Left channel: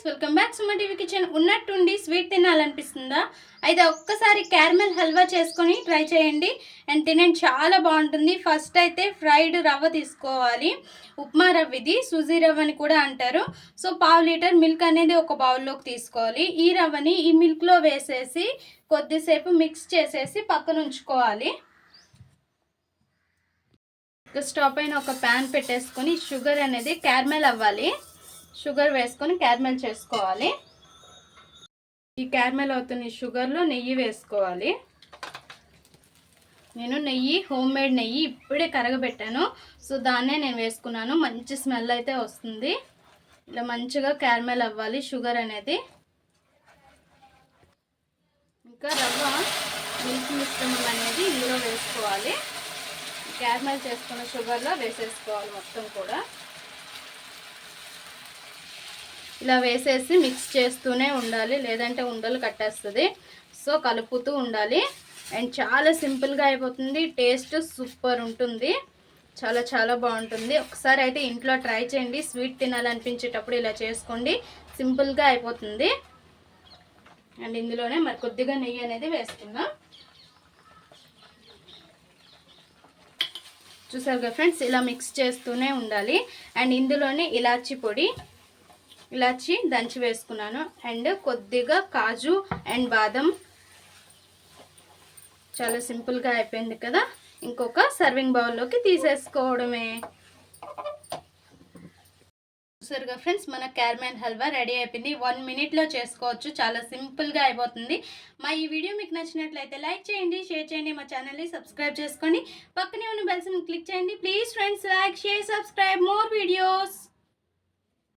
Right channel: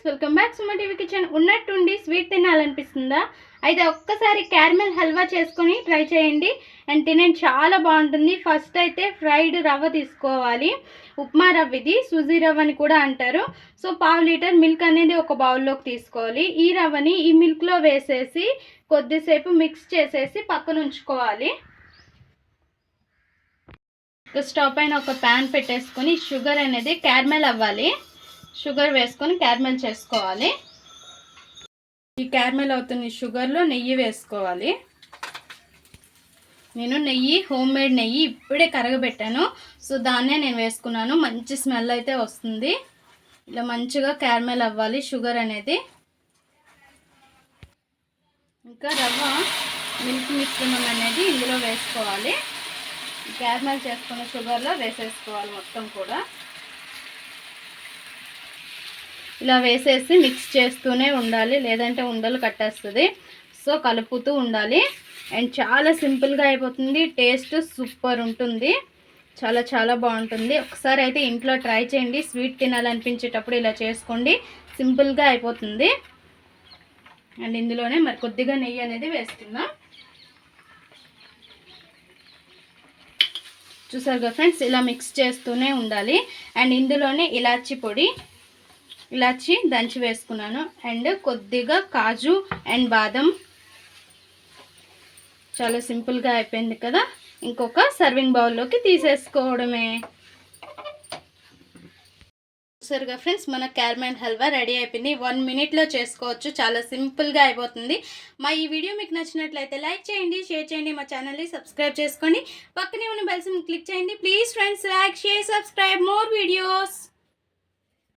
Friends welcome back Suma TV kitchen. ఉన్నట్టుండి sweet తినాలనిపిస్తుందా? అయితే ఒక్కసారి క్యారమెల్ హల్వా చేసుకొని ట్రై చేయండి. అండ్ తినండి చాలా బాగుంటుంది. ఫస్ట్ అయితే ఫ్రైడ్ రవ్వ తీసుకోవాలి. ఉప్మా రవ్వ ఇది సుజీ రవ్వ అని కూడా అంటారు. సో పావు లీటర్ మిల్క్ అనేది ఒక బౌల్లోకి తీసుకోవాలి. ఈ రవ్వని ఈ మిల్క్లో వేసేసి కొద్దిసేపు మిక్స్ చేసేసి పక్కన ఉంచుకోవాలి. స్టవ్ పైన ఒక ప్యాన్ పెట్టేసుకొని షుగర్ అనేది క్యారమెల్ అవ్వాలి. షుగర్ వేసుకొని క్యారమెల్ చేసుకోవాలి. ఈ క్యారమెల్ అవుతున్న షుగర్లో నెయ్యి వేసుకోవాలి. నేను నెయ్యి హోమ్ మేడ్ నెయ్యి ఇప్పుడే కరగబెట్టాను. సో దాన్నే నేను వేసుకున్నాను. మంచి స్మెల్ అయితే వస్తుంది. ఇలా మంచిగా క్యారమెల్ అవ్వాలి షుగర్ అనేది. ఇంకా రవ్వ మిల్క్ మిశ్రమం అనేది ఇందులో వేసుకోవాలి. క్యారమెల్ చేసుకున్న షుగర్లో వేసేసుకోవాలి మొత్తం కూడా. ఇలా వేసేసి మిక్స్ చేస్తూనే ఉండాలి. లేదంటే ఉండలు కట్టేస్తుంది. సో కలుపుతూ ఉండాలి. అండ్ చాలా సింపుల్గా అయిపోతుంది. టేస్ట్ సూపర్ ఉంటుంది. చాలా చాలా బాగుంటుంది. ఒకసారి అయితే ఇంట్లో ట్రై చేయండి. స్వీట్ తినాలనిపించేటప్పుడు ఇలా చేసుకోండి. సింపుల్గా అయిపోతుంది. అండ్ ఇందులోనే మరి కొద్దిగా నెయ్యి అనేది వేస్తున్నాం చూసారుగా ఫ్రెండ్స్? ఇలా మిక్స్ చేస్తూనే ఉండాలి. అండ్ ఇందులోనే ఇలాచి పొడి. ఇలాచి దంచి వేసుకున్నాను. అండ్ కొద్దిగా కాజు అండ్ బాదం. చాలా సింపుల్గా అయిపోయింది కదా. ఇంకొక సర్వింగ్ బౌల్లోకి తీసేసుకోవడమే. చూసారుగా ఫ్రెండ్స్ మన క్యారమెల్ హల్వా రెడీ అయిపోయింది. వన్ మినిట్లో చేసుకోవచ్చు. చాలా సింపుల్గా అయిపోతుంది. మా ఈ వీడియో మీకు నచ్చినట్లయితే లైక్ చేయండి షేర్ చేయండి మా ఛానల్ని సబ్స్క్రైబ్ చేసుకోండి పక్కనే ఉన్న బెల్స్ని క్లిక్ చేయండి. Please friends like share subscribe. More videos.